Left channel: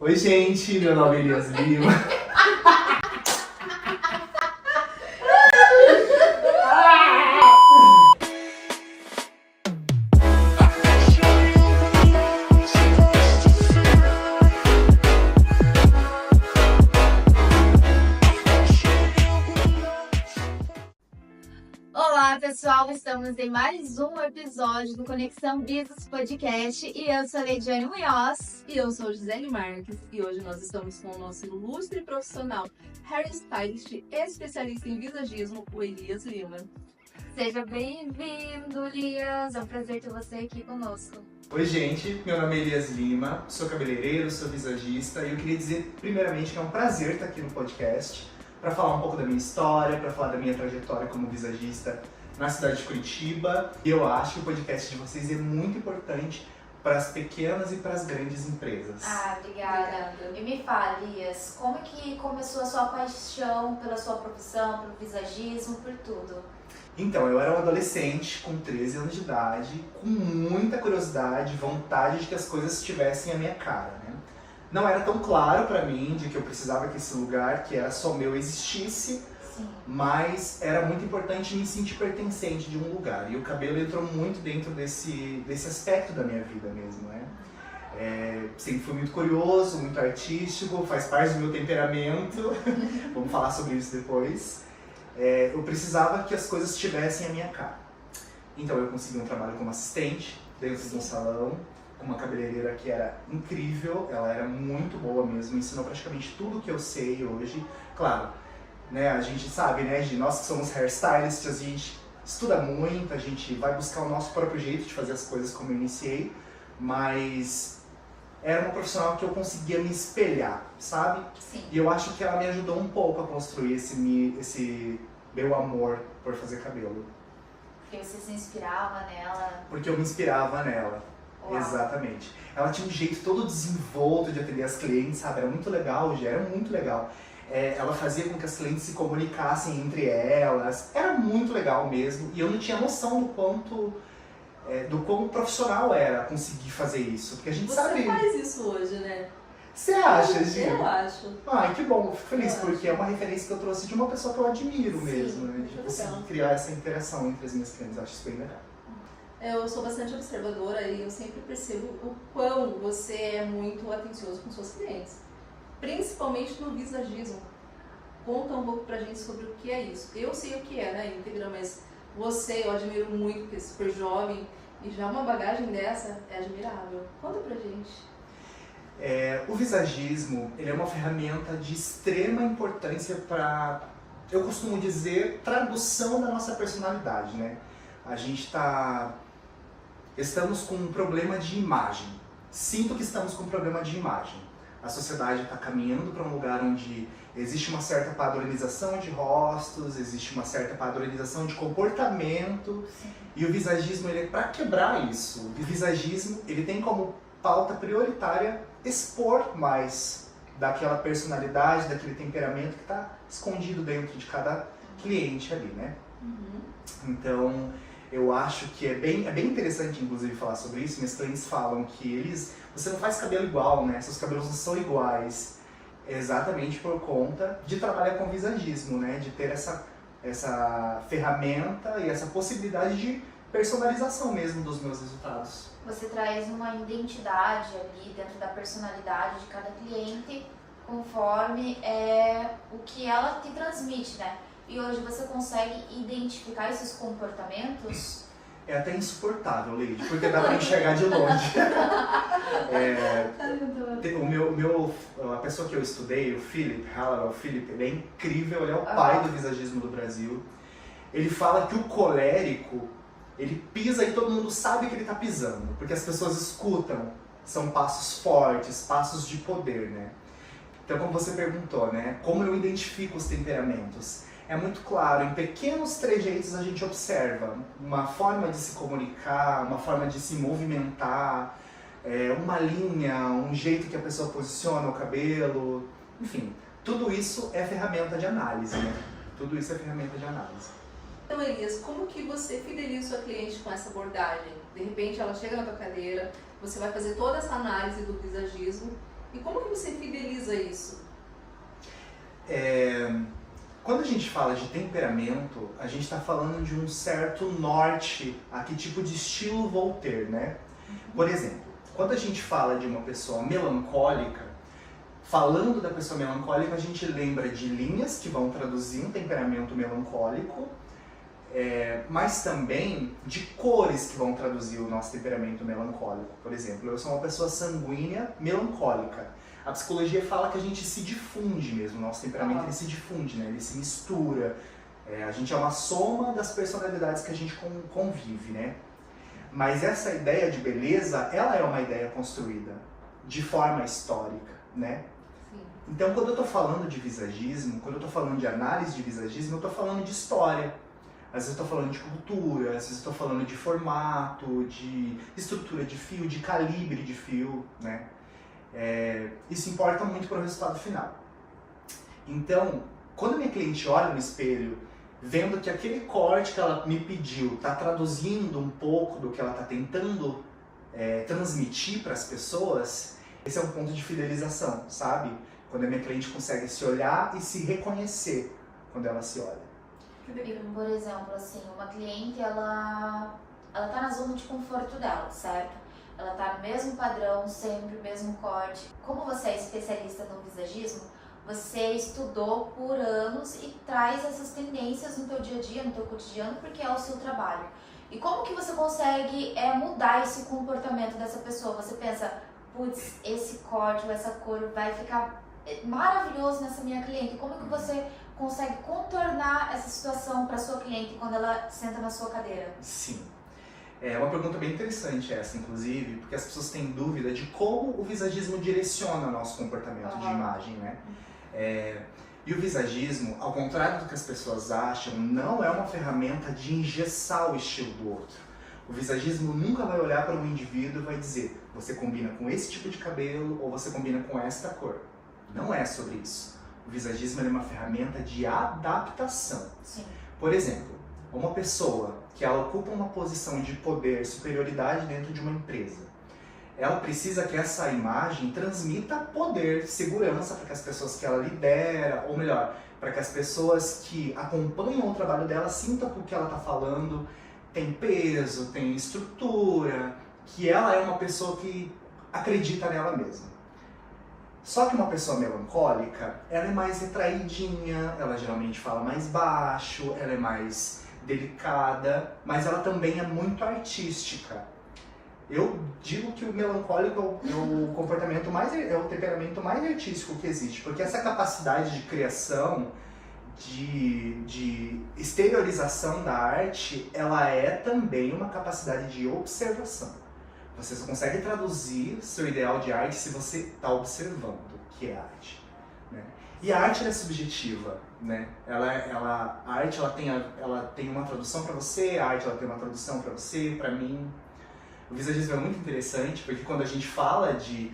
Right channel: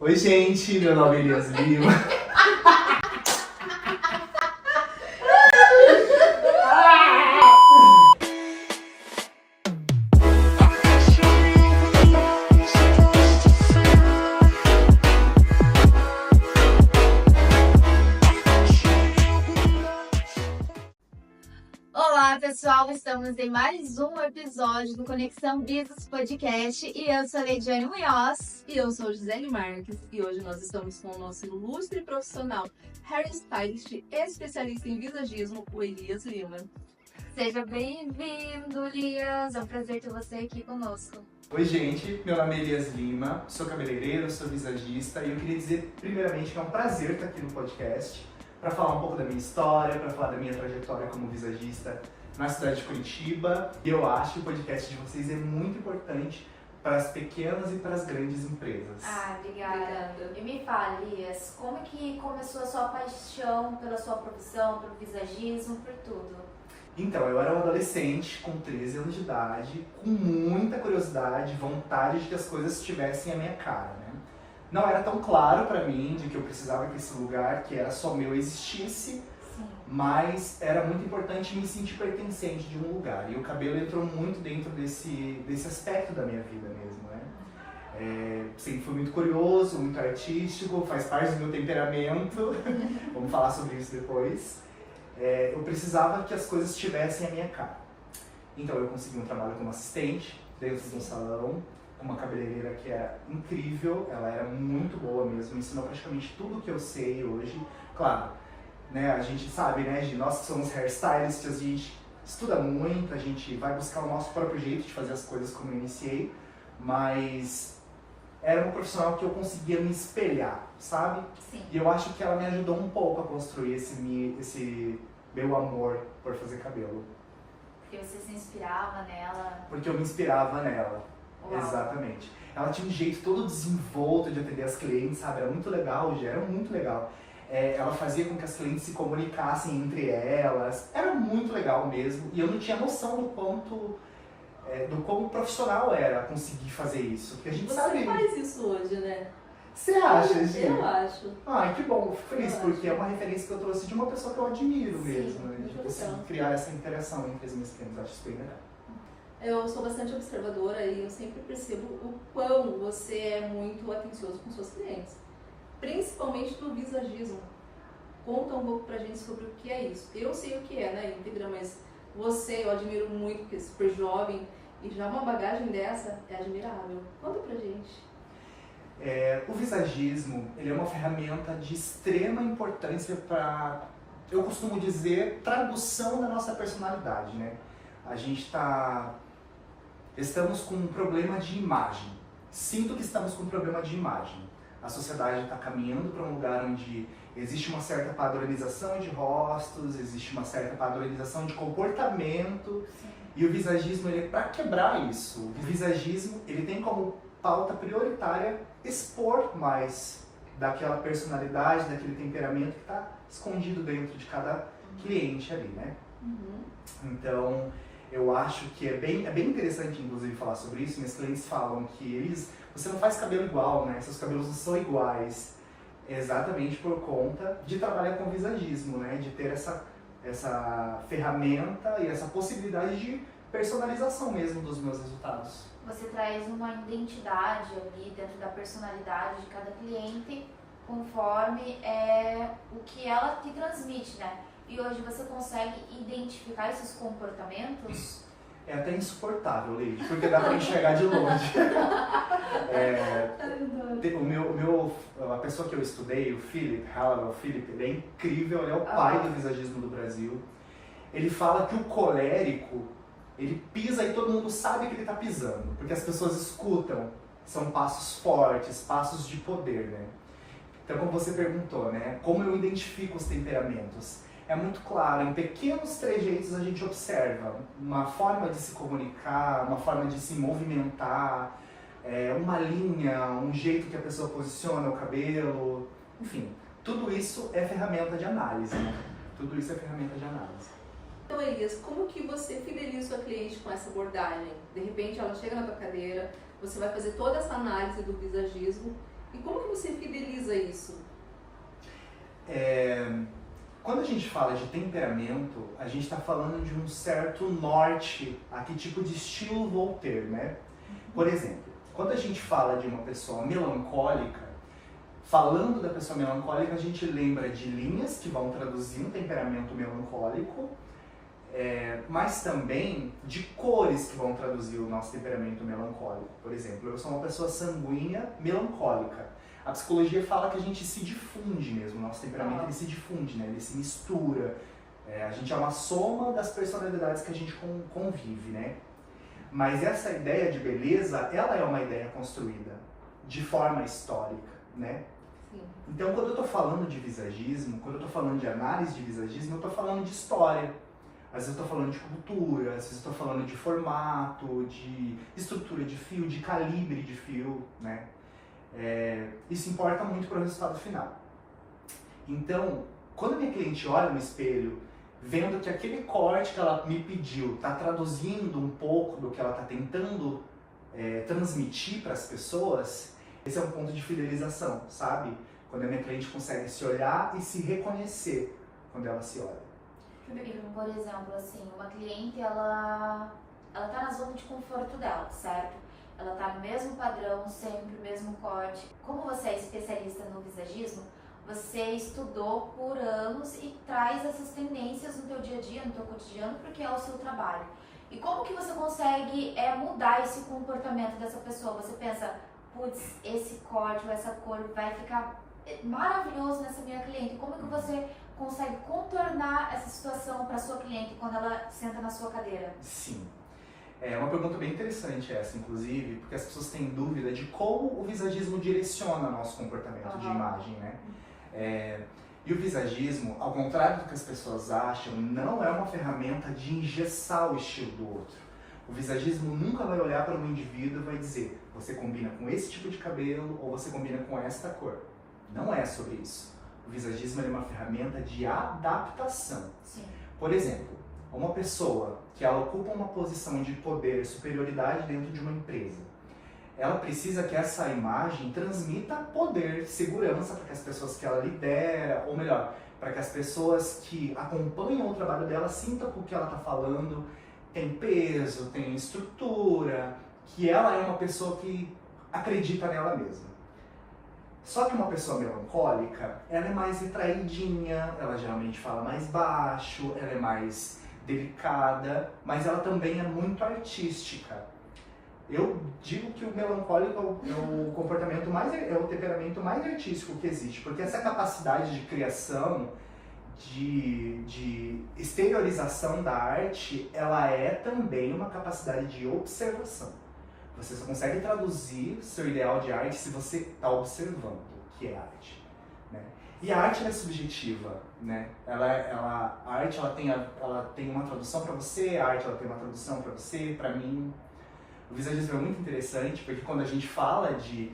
Oi, gente, meu nome é Elias Lima. Olá, pessoal! Estamos em mais um episódio do Conexão Business Podcast e eu sou a Leidiane Munhoz. E eu sou Gisele Marques e hoje nós estamos com o nosso ilustre profissional hairstylist especialista em visagismo, o Elias Lima. Seja bem-vindo, Elias! É um prazer ter você aqui conosco. Oi, gente, meu nome é Elias Lima, sou cabeleireiro, sou visagista e eu queria dizer, primeiramente, que é um prazer estar aqui no podcast para falar um pouco da minha história, para falar da minha trajetória como visagista na cidade de Curitiba. E eu acho que o podcast de vocês é muito importante para as pequenas e para as grandes empresas. Obrigada. E me fala, Elias, como que começou a sua paixão pela sua profissão, pelo visagismo, por tudo? Então, eu era um adolescente com 13 anos de idade, com muita curiosidade, vontade de que as coisas estivessem à minha cara, né? Não era tão claro pra mim de que eu precisava que esse lugar, que era só meu, existisse, Sim. Mas era muito importante me sentir pertencente de um lugar. E o cabelo entrou muito dentro desse aspecto da minha vida mesmo, né? Sempre fui muito curioso, muito artístico, faz parte do meu temperamento. Vamos falar sobre isso depois. Eu precisava que as coisas estivessem à minha cara. Então eu consegui um trabalho como assistente dentro de um salão, com uma cabeleireira que era incrível, ela era muito boa mesmo, me ensinou praticamente tudo que eu sei hoje. Claro, né, a gente sabe, né, nós que somos hairstylists, a gente estuda muito, a gente vai buscar o nosso próprio jeito de fazer as coisas como eu iniciei, mas era uma profissional que eu conseguia me espelhar, sabe? Sim. E eu acho que ela me ajudou um pouco a construir esse meu amor por fazer cabelo. Porque você se inspirava nela. Porque eu me inspirava nela. Uau. Exatamente. Ela tinha um jeito todo desenvolto de atender as clientes, sabe? Era muito legal, já era muito legal. Ela fazia com que as clientes se comunicassem entre elas. Era muito legal mesmo. E eu não tinha noção do quão profissional era conseguir fazer isso. Porque a gente sabe... Você faz isso hoje, né? Você acha, Gil? Eu acho. Ai, que bom, fico feliz, Eu porque é uma referência que eu trouxe de uma pessoa que eu admiro Sim, mesmo, né? De muito conseguir legal. criar essa interação entre as minhas clientes. Eu acho isso bem legal. Eu sou bastante observadora e eu sempre percebo o quão você é muito atencioso com seus clientes. Principalmente no visagismo. Conta um pouco pra gente sobre o que é isso. Eu sei o que é, né, íntegra, mas você eu admiro muito, porque é super jovem e já uma bagagem dessa é admirável. Conta pra gente. O visagismo, ele é uma ferramenta de extrema importância para, eu costumo dizer, tradução da nossa personalidade, né? Estamos com um problema de imagem. Sinto que estamos com um problema de imagem. A sociedade está caminhando para um lugar onde existe uma certa padronização de rostos, existe uma certa padronização de comportamento. Sim. E o visagismo, ele é para quebrar isso. O visagismo, ele tem como pauta prioritária expor mais daquela personalidade, daquele temperamento que está escondido dentro de cada cliente ali, né? Então, eu acho que é bem interessante, inclusive, falar sobre isso. Minhas clientes falam que você não faz cabelo igual, né? Seus cabelos não são iguais. É exatamente por conta de trabalhar com visagismo, né? De ter essa ferramenta e essa possibilidade de personalização mesmo dos meus resultados. Você traz uma identidade ali dentro da personalidade de cada cliente, conforme o que ela te transmite, né? E hoje você consegue identificar esses comportamentos? É até insuportável, Leide, porque dá pra enxergar de longe. A pessoa que eu estudei, o Philip Hallowell, ele é incrível, ele é o pai do visagismo do Brasil. Ele fala que o colérico, ele pisa e todo mundo sabe que ele tá pisando, porque as pessoas escutam. São passos fortes, passos de poder, né? Então, como você perguntou, né? Como eu identifico os temperamentos? É muito claro, em pequenos trejeitos a gente observa uma forma de se comunicar, uma forma de se movimentar, uma linha, um jeito que a pessoa posiciona o cabelo, enfim, tudo isso é ferramenta de análise, né? Tudo isso é ferramenta de análise. Então, Elias, como que você fideliza sua cliente com essa abordagem? De repente ela chega na tua cadeira, você vai fazer toda essa análise do visagismo E como que você fideliza isso? Quando a gente fala de temperamento, a gente está falando de um certo norte a que tipo de estilo vou ter, né? Por exemplo, quando a gente fala de uma pessoa melancólica, falando da pessoa melancólica, a gente lembra de linhas que vão traduzir um temperamento melancólico, mas também de cores que vão traduzir o nosso temperamento melancólico. Por exemplo, eu sou uma pessoa sanguínea melancólica. A psicologia fala que a gente se difunde mesmo, o nosso temperamento ele se difunde, né? Ele se mistura. A gente é uma soma das personalidades que a gente convive, né? Mas essa ideia de beleza, ela é uma ideia construída de forma histórica, né? Sim. Então, quando eu estou falando de visagismo, quando eu estou falando de análise de visagismo, eu estou falando de história. Às vezes eu estou falando de cultura, às vezes eu estou falando de formato, de estrutura de fio, de calibre de fio, né? Isso importa muito para o resultado final. Então, quando a minha cliente olha no espelho, vendo que aquele corte que ela me pediu está traduzindo um pouco do que ela está tentando transmitir para as pessoas, esse é um ponto de fidelização, sabe? Quando a minha cliente consegue se olhar e se reconhecer quando ela se olha. Por exemplo, assim, uma cliente, ela tá na zona de conforto dela, certo? Ela tá no mesmo padrão, sempre o mesmo corte. Como você é especialista no visagismo, você estudou por anos e traz essas tendências no teu dia a dia, no teu cotidiano, porque é o seu trabalho. E como que você consegue mudar esse comportamento dessa pessoa? Você pensa, putz, esse corte ou essa cor vai ficar maravilhoso nessa minha cliente. Como que você consegue contornar essa situação para sua cliente quando ela senta na sua cadeira? Sim. É uma pergunta bem interessante essa, inclusive, porque as pessoas têm dúvida de como o visagismo direciona nosso comportamento de imagem, né? E o visagismo, ao contrário do que as pessoas acham, não é uma ferramenta de engessar o estilo do outro. O visagismo nunca vai olhar para um indivíduo e vai dizer, você combina com esse tipo de cabelo ou você combina com esta cor. Não é sobre isso. O visagismo é uma ferramenta de adaptação. Sim. Por exemplo, uma pessoa que ela ocupa uma posição de poder, superioridade dentro de uma empresa, ela precisa que essa imagem transmita poder, segurança para que as pessoas que ela lidera, ou melhor, para que as pessoas que acompanham o trabalho dela sintam que o que ela está falando tem peso, tem estrutura, que ela é uma pessoa que acredita nela mesma. Só que uma pessoa melancólica, ela é mais retraidinha, ela geralmente fala mais baixo, ela é mais delicada, mas ela também é muito artística. Eu digo que o melancólico é o comportamento é o temperamento mais artístico que existe, porque essa capacidade de criação, de exteriorização da arte, ela é também uma capacidade de observação. Você só consegue traduzir seu ideal de arte se você está observando o que é arte, né? E a arte é subjetiva, né? A arte ela tem uma tradução para você, a arte ela tem uma tradução para você, para mim. O visagismo é muito interessante porque quando a gente fala de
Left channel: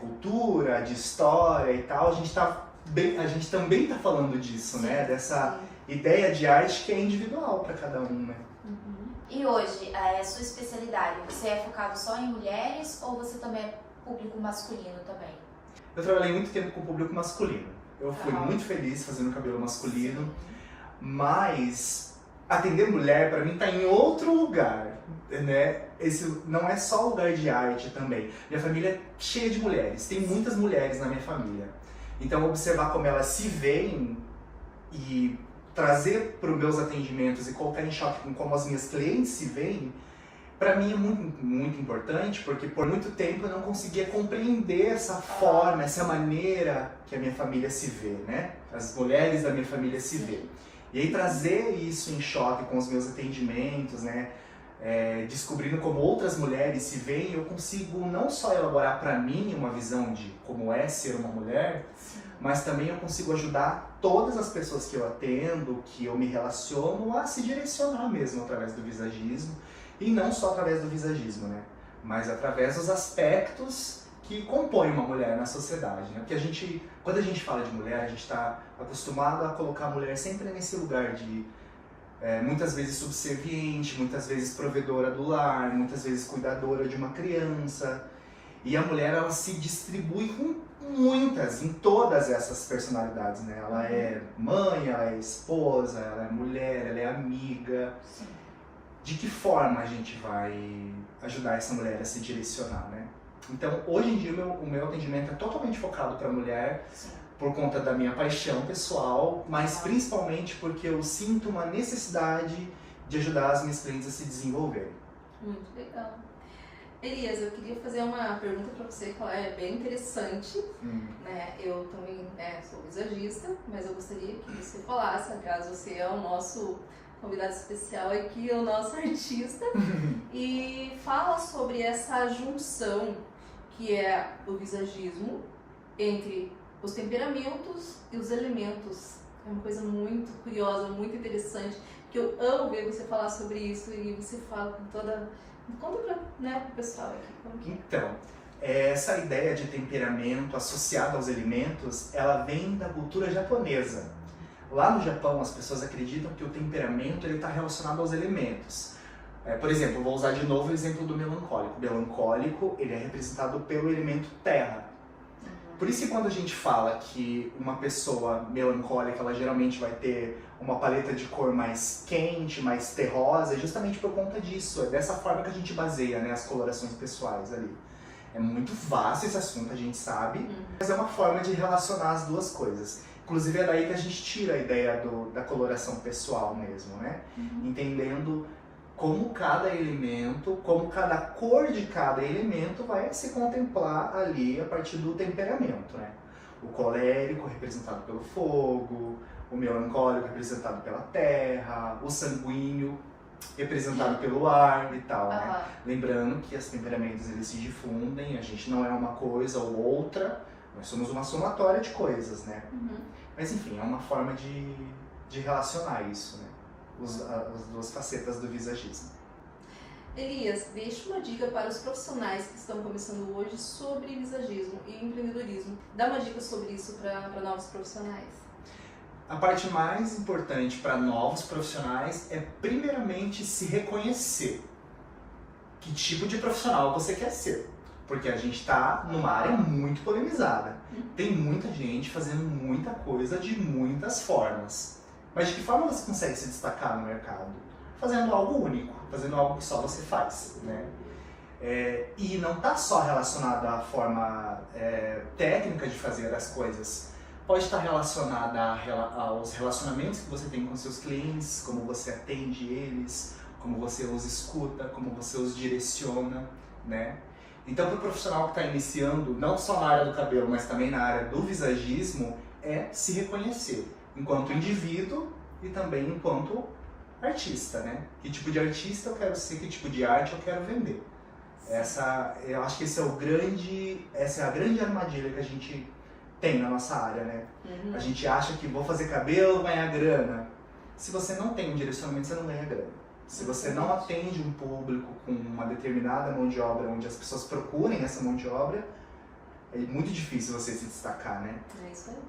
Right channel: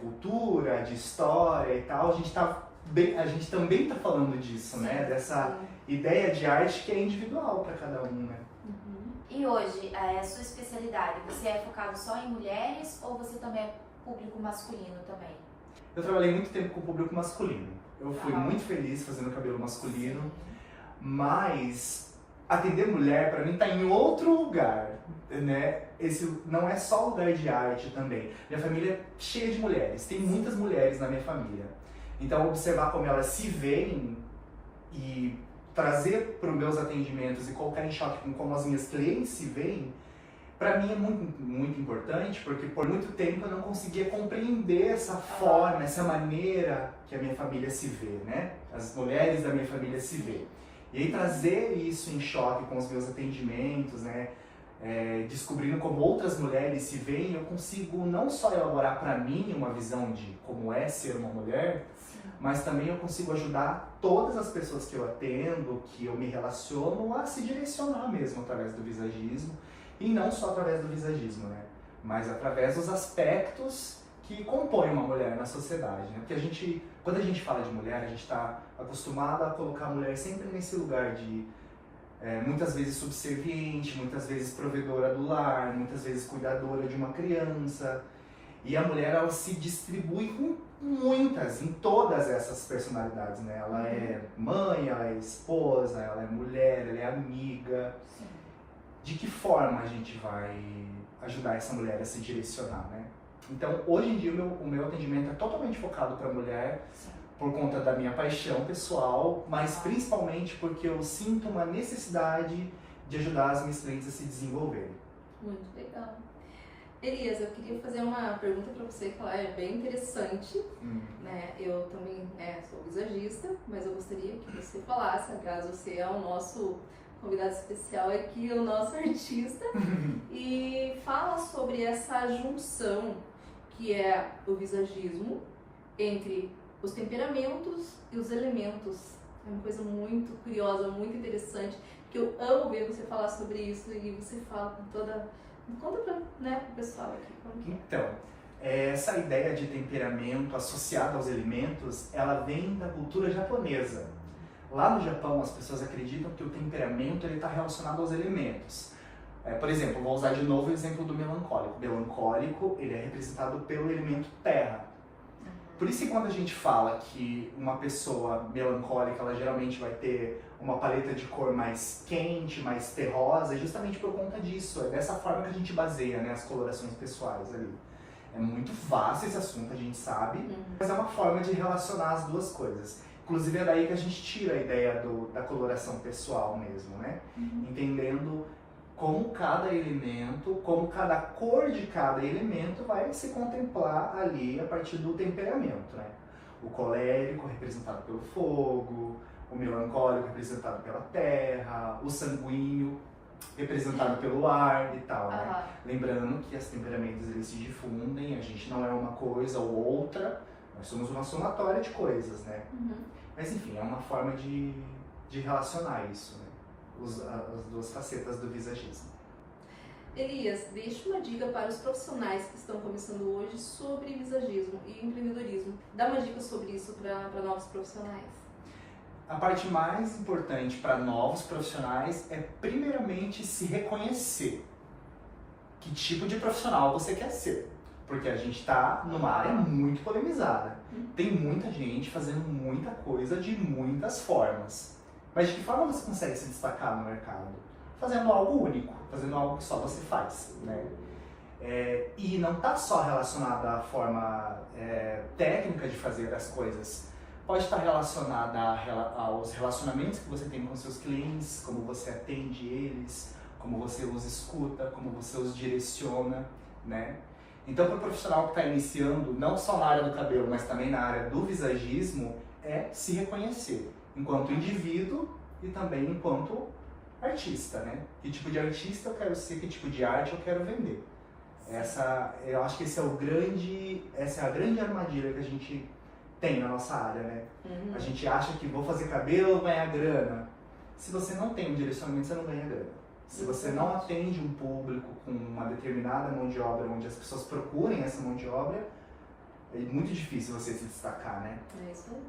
cultura, de história e tal, a gente também está falando disso, né? Dessa ideia de arte que é individual para cada um, né? Uhum. E hoje, a sua especialidade, você é focado só em mulheres ou você também é público masculino também? Eu trabalhei muito tempo com o público masculino. Eu fui muito feliz fazendo cabelo masculino, mas atender mulher para mim está em outro lugar, né? Esse não é só lugar de arte também. Minha família é cheia de mulheres, tem muitas mulheres na minha família. Então observar como elas se veem e trazer para os meus atendimentos e colocar em choque com como as minhas clientes se veem, para mim é muito, muito importante, porque por muito tempo eu não conseguia compreender essa forma, essa maneira que a minha família se vê, né? As mulheres da minha família se vê. E aí trazer isso em choque com os meus atendimentos, né? Descobrindo como outras mulheres se veem, eu consigo não só elaborar para mim uma visão de como é ser uma mulher, mas também eu consigo ajudar todas as pessoas que eu atendo, que eu me relaciono, a se direcionar mesmo através do visagismo. E não só através do visagismo, né? Mas através dos aspectos que compõem uma mulher na sociedade, né? Porque quando a gente fala de mulher, a gente está acostumado a colocar a mulher sempre nesse lugar de muitas vezes subserviente, muitas vezes provedora do lar, muitas vezes cuidadora de uma criança. E a mulher, ela se distribui em muitas, em todas essas personalidades, né? Ela é mãe, ela é esposa, ela é mulher, ela é amiga. Sim. De que forma a gente vai ajudar essa mulher a se direcionar, né? Então, hoje em dia, o meu atendimento é totalmente focado para a mulher, Sim. por conta da minha paixão pessoal, mas principalmente porque eu sinto uma necessidade de ajudar as minhas clientes a se desenvolverem. Muito legal. Elias, eu queria fazer uma pergunta para você que ela é bem interessante, né? Eu também, né, sou visagista, mas eu gostaria que você falasse, aliás, você é o nosso convidado especial aqui, o nosso artista, e fala sobre essa junção que é o visagismo entre os temperamentos e os elementos. É uma coisa muito curiosa, muito interessante, que eu amo ver você falar sobre isso e você fala com toda... Conta para, né, o pessoal aqui. Como que é? Então, essa ideia de temperamento associada aos elementos, ela vem da cultura japonesa. Lá no Japão, as pessoas acreditam que o temperamento está relacionado aos elementos. Por exemplo, vou usar de novo o exemplo do melancólico. O melancólico, ele é representado pelo elemento terra. Por isso que quando a gente fala que uma pessoa melancólica, ela geralmente vai ter uma paleta de cor mais quente, mais terrosa, é justamente por conta disso. É dessa forma que a gente baseia, né, as colorações pessoais ali. É muito vasto esse assunto, a gente sabe, mas é uma forma de relacionar as duas coisas. Inclusive é daí que a gente tira a ideia da coloração pessoal mesmo, né? Entendendo como cada elemento, como cada cor de cada elemento vai se contemplar ali a partir do temperamento, né? O colérico representado pelo fogo, o melancólico representado pela terra, o sanguíneo representado pelo ar e tal, né? Lembrando que os temperamentos eles se difundem, a gente não é uma coisa ou outra, nós somos uma somatória de coisas, né? Mas enfim, é uma forma de relacionar isso, né? As duas facetas do visagismo. Elias, deixa uma dica para os profissionais que estão começando hoje sobre visagismo e empreendedorismo. Dá uma dica sobre isso para novos profissionais. A parte mais importante para novos profissionais é primeiramente se reconhecer. Que tipo de profissional você quer ser? Porque a gente está numa área muito polemizada. Tem muita gente fazendo muita coisa de muitas formas. Mas de que forma você consegue se destacar no mercado? Fazendo algo único, fazendo algo que só você faz, né? E não está só relacionado à forma técnica de fazer as coisas. Pode estar relacionada aos relacionamentos que você tem com seus clientes, como você atende eles, como você os escuta, como você os direciona, né? Então, para o profissional que está iniciando, não só na área do cabelo, mas também na área do visagismo, é se reconhecer enquanto indivíduo e também enquanto artista, né? Que tipo de artista eu quero ser, que tipo de arte eu quero vender. Eu acho que essa é a grande armadilha que a gente tem na nossa área, né? A gente acha que vou fazer cabelo, ganhar grana. Se você não tem um direcionamento, você não ganha grana. Se você não atende um público com uma determinada mão de obra, onde as pessoas procurem essa mão de obra, é muito difícil você se destacar, né? É isso aí.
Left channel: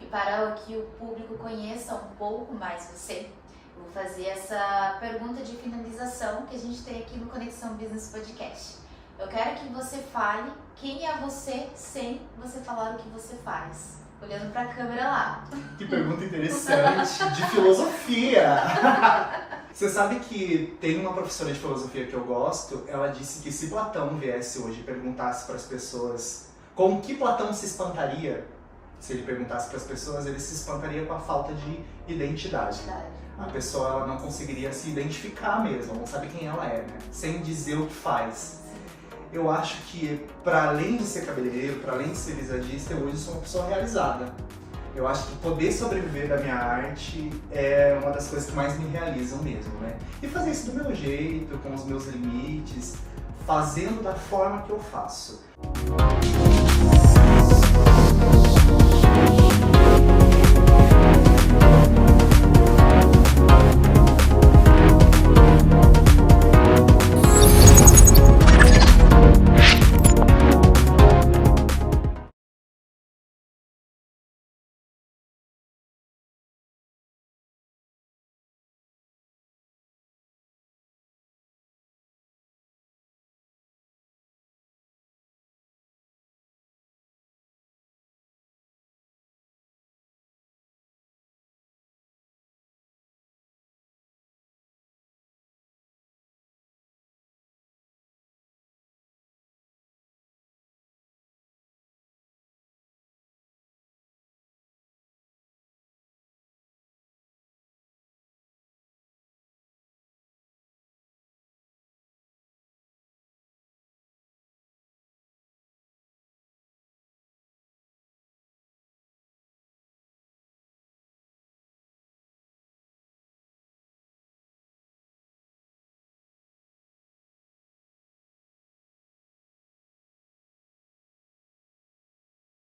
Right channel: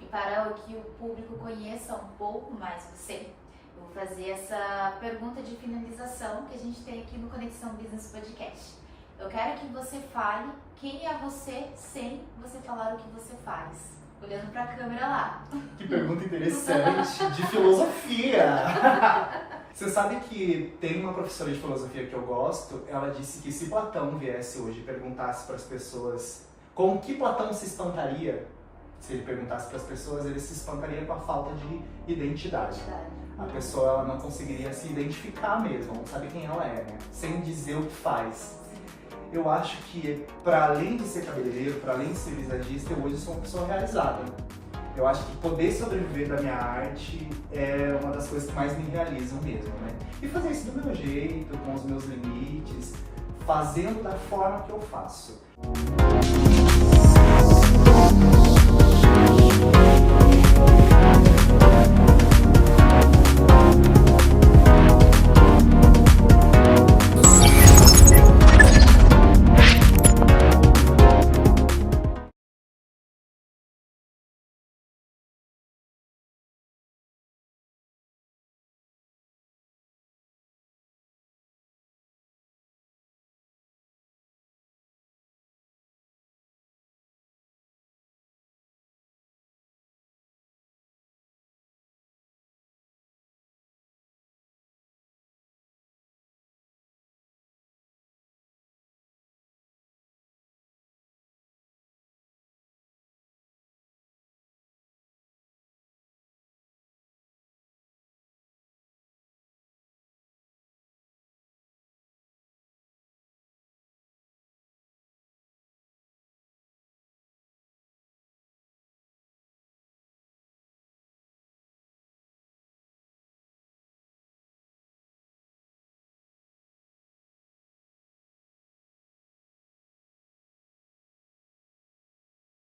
E para que o público conheça um pouco mais você, eu vou fazer essa pergunta de finalização que a gente tem aqui no Conexão Business Podcast. Eu quero que você fale quem é você sem você falar o que você faz. Olhando para a câmera lá. Que pergunta interessante, de filosofia! Você sabe que tem uma professora de filosofia que eu gosto, ela disse que se Platão viesse hoje e perguntasse para as pessoas com que Platão se espantaria, se ele perguntasse para as pessoas, ele se espantaria com a falta de identidade. A pessoa ela não conseguiria se identificar mesmo, não sabe quem ela é, né? Sem dizer o que faz. Eu acho que, para além de ser cabeleireiro, para além de ser visagista, eu hoje sou uma pessoa realizada. Eu acho que poder sobreviver da minha arte é uma das coisas que mais me realizam mesmo, né? E fazer isso do meu jeito, com os meus limites, fazendo da forma que eu faço.